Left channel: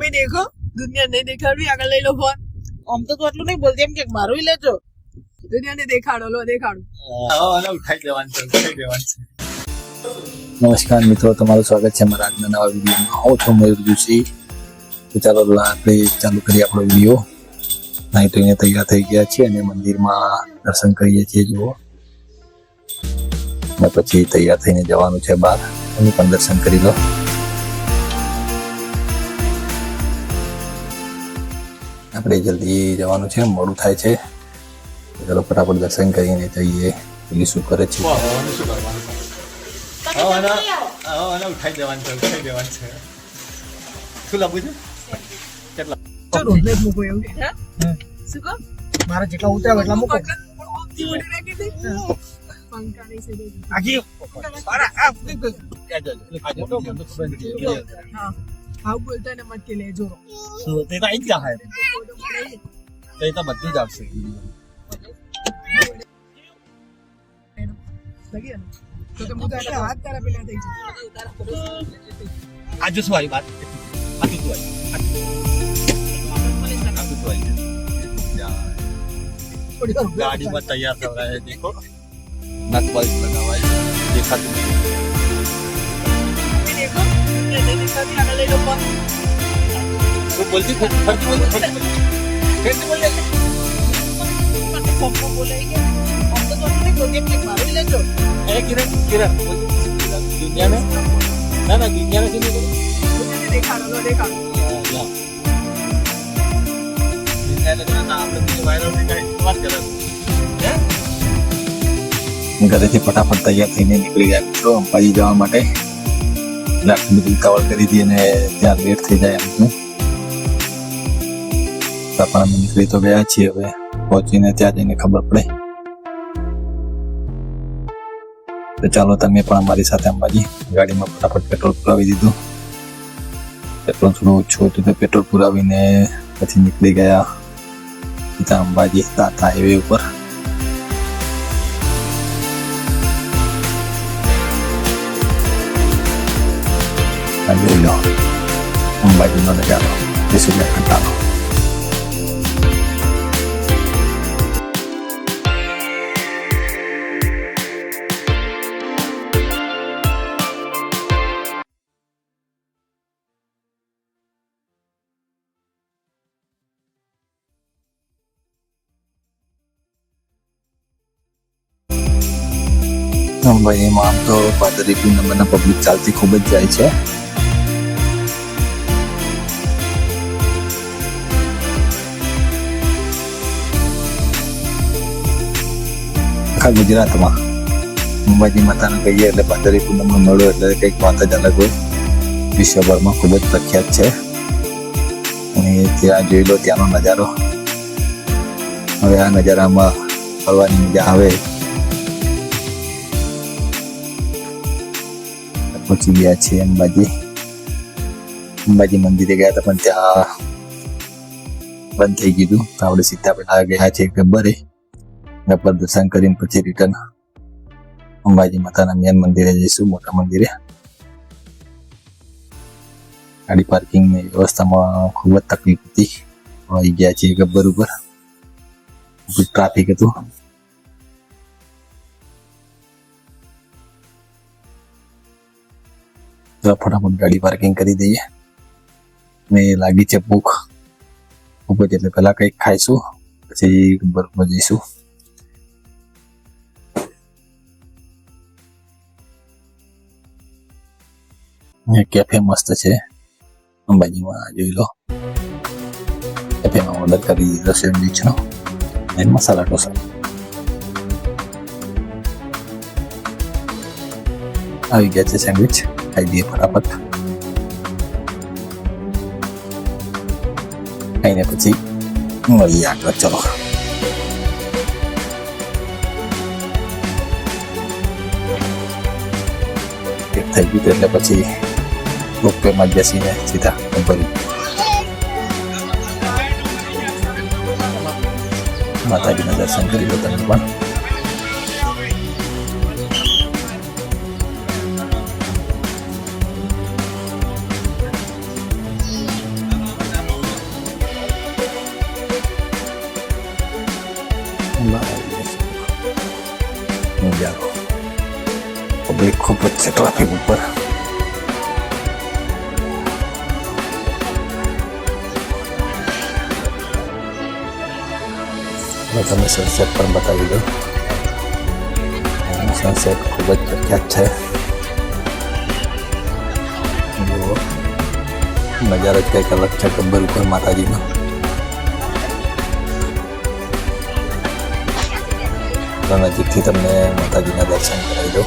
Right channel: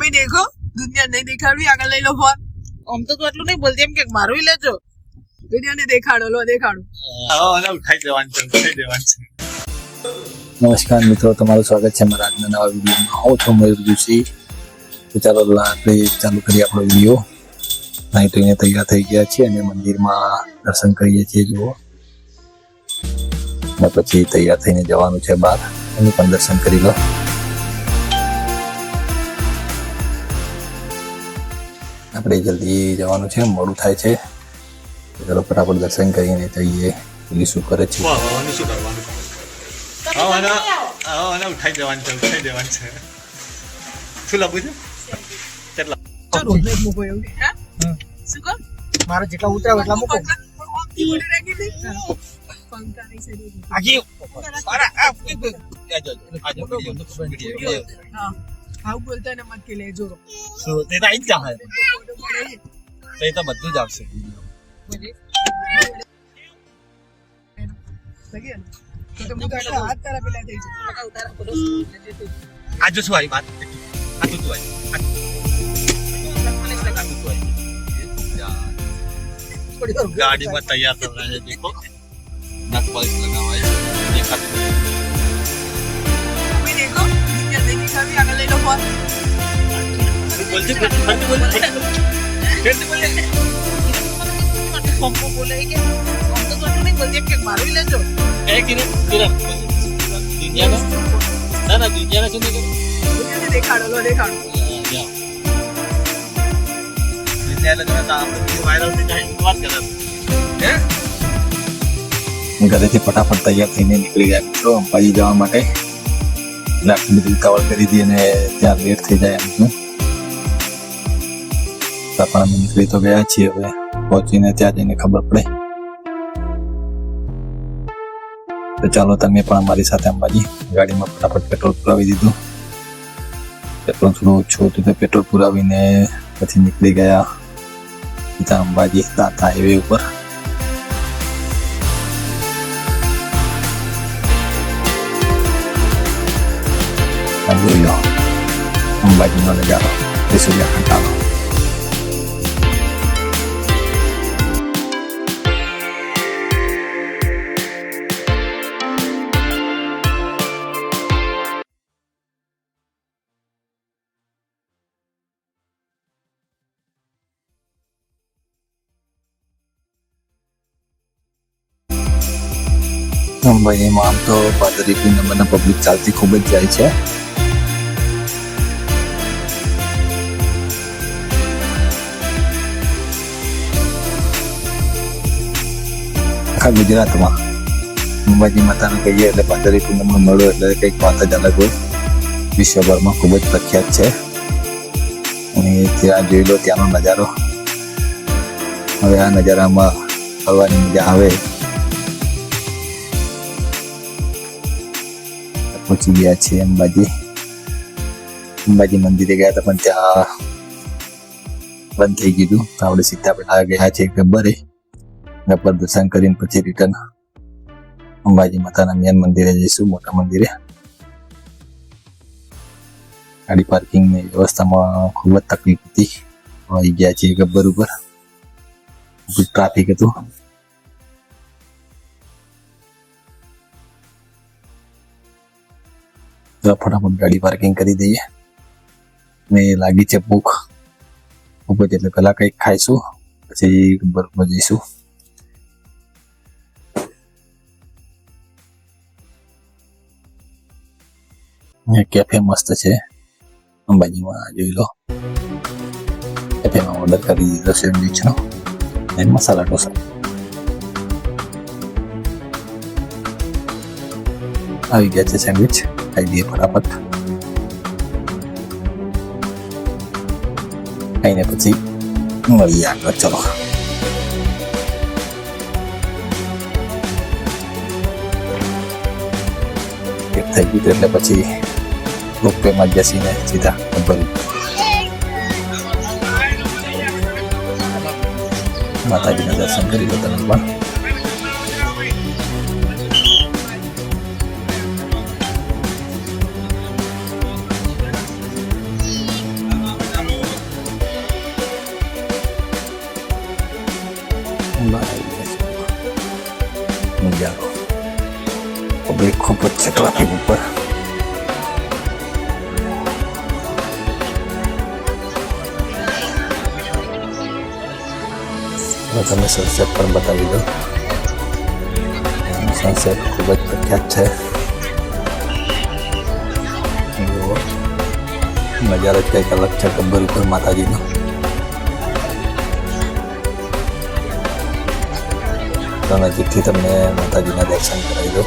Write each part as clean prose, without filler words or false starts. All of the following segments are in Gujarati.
મમ્મી દેખો દુનિયા નહીં દેખાડવી આગળ લઈ લો ફોન આમ તો તું આટલું નહીં બોલતી એમ કે મારું લેજો દુનિયાને દેખાડો લો દેખાડો ઉઠાઈ દેવાનું છે નમસ્કાર મિત્રો, તમારું સ્વાગત છે અમારા આજના નવા વિડીયોમાં. હું છું મયુર જોશી. તો ચાલો આપણે ચાલુ કરીએ આપણો વિડીયો. નહીં તો અહીંયા તૈયાર થઈ ગયા છે અને મંદિરમાં દર્શન કરીએ છીએ. જુઓ, અને પછી તૈયાર થઈને જવાનું છે બહાર, એની પણ દર્શન કરી લો. આપણે જલ્દી જવાનું છે, મોડું થાય છે. ચાલો ફટાફટ દર્શન કરીને જઈએ. પોલીસ શું કરે છે. ઉઠાઈ દેવાનું છે શું લાગુ છે ચલો એટલે મૂકો એવું હે શું કહો મારા જેટલા ઉતરાવ એટલા મૂકો ઓમથી ઉડી રાખી દે પંખા નહીં સે દે આજી હા આવું બોલતા ને મત કે લેજો શું તે તો આઈ જ જાય તે તો બધું જ આવશે લગી ને તો તમે તો આટલા હાથ તારા પેલા થઈ જશે આજે શું આવી વાત આ તો તું આવી गाड़ी में तैयार कर रहा है देखो नट बल्ब लगा हुआ है देखा મમ્મી દેખો દુનિયા નહીં દેખાડવી આગળ લઈ લો ફોન तो बोलते फिर बोले તો તું આટલું નહીં બોલતી એમ કે મારું લેજો है कि ना दुनिया में ना दुनिया में सुनिए દુનિયાને દેખાડો લો દેખાડો दुनिया लगना था आप लोग वायरल से जाए बात कर हैं ઘરેથી ફટાફટ તૈયાર થઈને નીકળી ગયા મિત્રો અંબાજી જવા માટે. લાકડીની ઉતાવળ કરી હતી અને ત્યાં લેટ થઈ જાય એમ ત્યાં પણ અમે નીકળી તો ગયા છીએ. હવે પહોંચીને ત્યાં જઈને ખબર પડે. તો ચાલો તમે પણ અમારી સાથે અંબાજી ગાડીમાં ફટાફટ પેટ્રોલ પુરાવી દીધો. પેટ્રોલ થોડું ઓછું હતું તો પેટ્રોલ પુરાવીને પછી નીકળી ગયા ત્યાં અંબાજી દાતા હાઈવે ઉપર. અંબાજીનો નજારો સુંદરકાંડનો. અંબાજીમાં આમ તો દરેક નંબરના પબ્લિક ચાલતી ખૂબ જ જાય છે. આખા ગુજરાતમાં અંબાજી માતાને કહીએ એટલે 15 નંબર મળ્યો એટલે કંઈક વાત જ અલગ હોય. વિશ્વભરમાં ખૂબ જ પ્રખ્યાત છે અને ત્યાં જોઈ લો ત્યાંનો નજારો. હવે આ નજારામાં ફરવાની મજા આવે. પહોંચી ગયા છીએ અંબાજી મંદિરે ગયા હતા પણ ત્યાં બંધ થઈ ગયું. તો આપણે સીધા પેલા ગયા છીએ ગબ્બરે. ગબ્બર દર્શન કરીને પછી રિટર્ન અંબાજી માતાના મેન મંદિરે જઈશું, મોટા મંદિરે. ગાડી પાર્કિંગની વ્યવસ્થામાં ખૂબ જ તકલીફ હતી. આવી ગયા છીએ ગબ્બર ઉપર. ટ્રાફિક હતું. તો ફટાફટ ગાડી પાર્કિંગ કરી દઈએ. મેં લાગી છે ભૂખ ખૂબ જ, એટલે પેલા કંઈક ખાઈશું પછી ગબ્બર ઉપર જઈશું. કેફે મસ્ત છે અંબાજીમાં, જોઈ લો. કેફેમાં ઓર્ડર કરી દીધો સેન્ડવિચનો અને મસાલા ઢોસા. આવી ગયા છે સેન્ડવિચ, ખાઈ દઈએ ફટાફટ. ખાઈને પછી મળીએ આગળ. ચલો થઈ ગયું એટલે પછી મુખ્યમાં બેસીને સીધા માતાજીના દર્શન કરી લો તમે પણ. ખૂબ જ છે ટ્રાફિક ઉપર. હું તમને સનસેટ પણ બતાવી દઉં. સનસેટ ખૂબ જ પ્રખ્યાત છે. નજારો કંઈક અલગ છે ગબ્બર ઉપર માતાજીનો. નજીકથી તમને માતાજીના દર્શન કરી દો.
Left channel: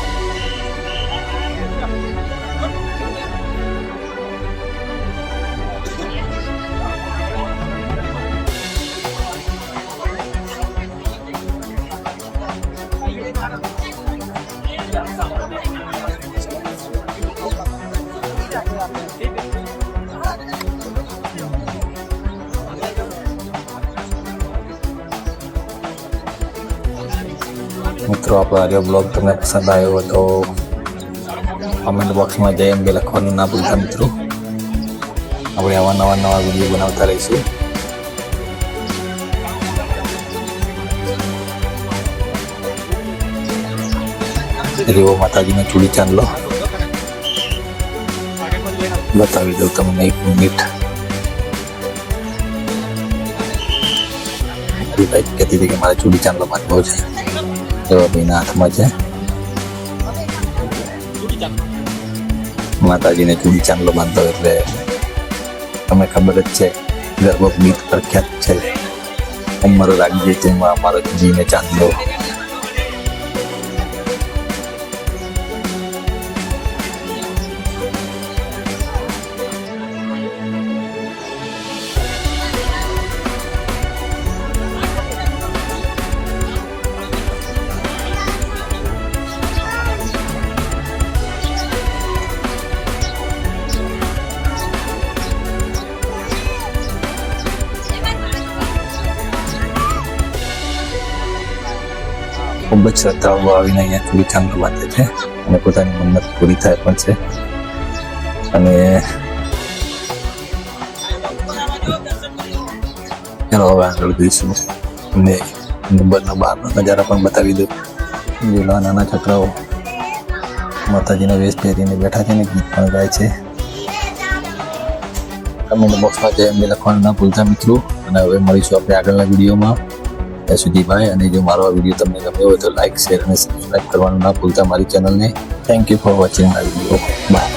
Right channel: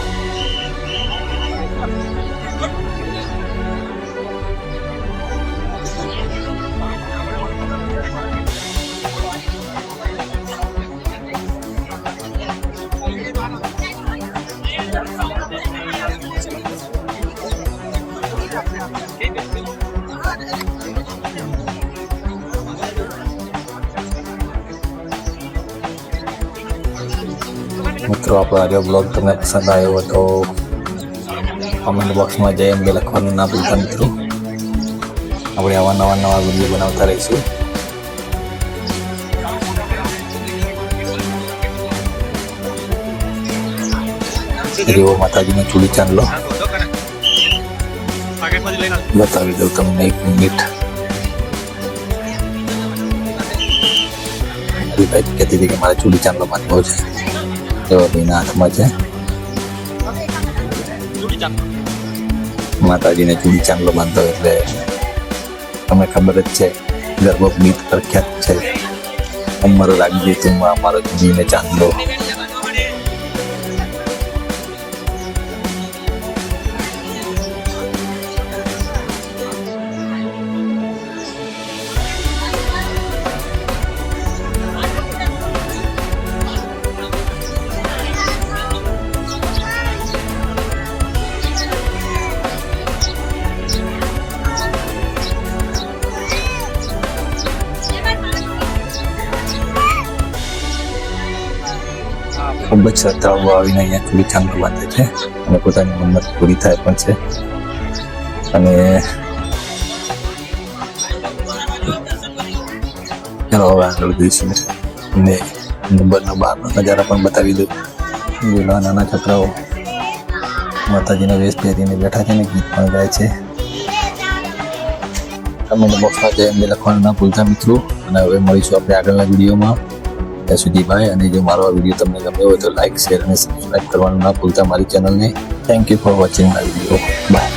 મિત્રો આપણો બ્લોગ તમને પસંદ આવ્યો તો કમેન્ટ બોક્સમાં જઈ એમ લખવાનું ના ભૂલતા મિત્રો. આપણે આવા નવા વિડીયો બનાવતા રહીશું. એવો માતાજીનો ચૂડી ચાંદલો બતાવી દઉં તમને 1 મિનિટ. કહેતી હતી કે મારે ચૂડી ચાંદલો બાંધવો છે. એવો તેના હાથમાં છે માતાજીને ચૂડી ચાંદલો બાંધો એટલે તમને ખબર જ છે ગરબો ગીત પ્રખ્યાત છે. અમારો લાગી છે અમારો ચૂડીને ચાંદલો. ખૂબ જ શ્રદ્ધાળુઓ આવીને અહીંયા ચૂડી ચાંદલો બાંધે છે અને પોતાની મન્નત પૂરી થાય પણ છે. અને ચાલો હવે આગળ જઈશું અને નંબરના બહારનો નજારા પણ બતાવી દઉં. લીલા નાના છોકરાઓ માતાજીના વેશ પહેરીને બેઠા છે ને ગીત પણ ગાય છે. કમેન્ટ બોક્સમાં જઈને લખવાનું ના ભૂલતા મિત્રો. અને હવે મળીશું આપણે આગળના વિડીયોમાં. ત્યાં સુધી બાય. અને જો મારો આ વિડીયો તમને ગમ્યો હોય તો લાઈક શેર અને સબસ્ક્રાઈબ કરવાનું ના ભૂલતા મારી ચેનલને. થેન્ક યુ ફોર વોચિંગ આ વિડીયો. બાય.